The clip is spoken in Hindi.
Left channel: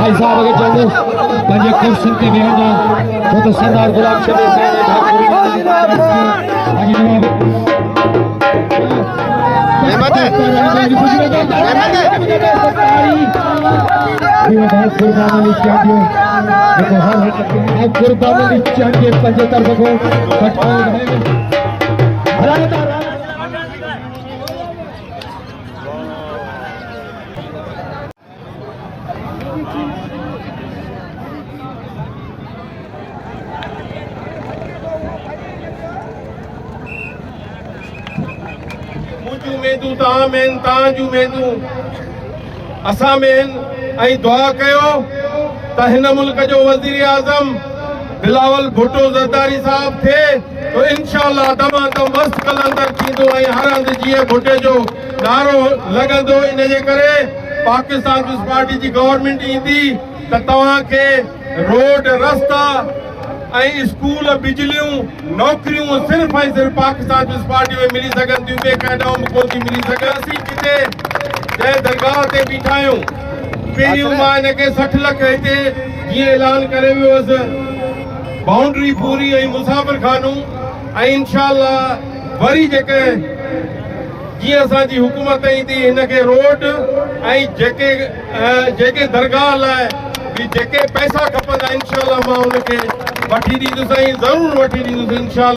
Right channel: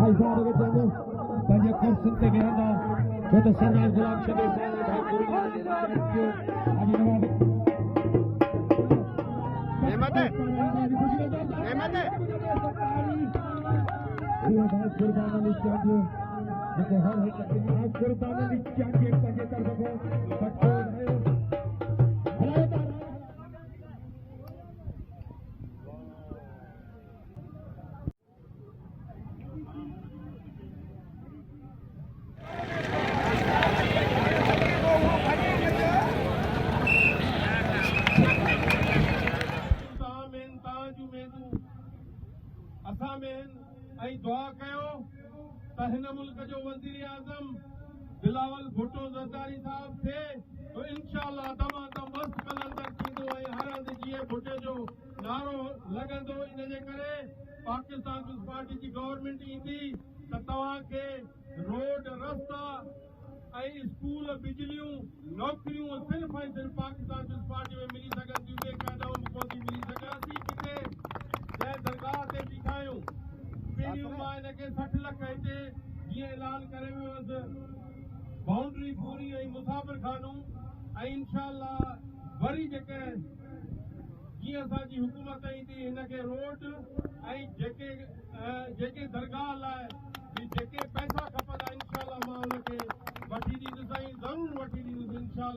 भाई साहब अगर चलो पंजे कुर्सी पे भी होगा तो सरदार गुलाम शबीर कुर्बानी चाहिए पंजे तरफ को असा मेन ऐं दुआ कयो त हिन मुल्क जो वज़ीर आज़म बिलावल भुट्टो ज़रदारी साहब थे तो इंशाअल्लाह दमादम मस्त कलंदर थींदो ऐं हर हंधि जीअं भुट्टे जो नारो लॻंदो। इन जे करे पाकिस्तान पीपल्स पार्टी जी गवर्नमेंट ईंदी त तव्हांखे रोड रस्ता ऐं स्कूल बिजलियूं नौकरियूं सिर्फ़ ऐं सिर्फ़ पाकिस्तान पीपल्स पार्टी में मिली सघनि थियूं, ॿिए कंहिं ॾांहुं कोन थी मिली सघे। असीं किथे जंहिं दरगाह ते बीठा आहियूं पहिरियों मां हिनखे 60 लख हिते जीअं ऐलान करे वियो हुअसि बाउंड्री पूरी ऐं मुसाफ़िर खानूं ऐं इंशाअल्लाह वरी जेके जीअं असांजी हुकूमत ईंदी हिनखे रोड ऐं जेके दरगाह लाइ भी जेके पैसा खपंदा इंशाअल्लाह मां उनखे वठी ॾींदुसि ऐं ज़रूरु वठी ॾींदुसि इंशाअल्लाह।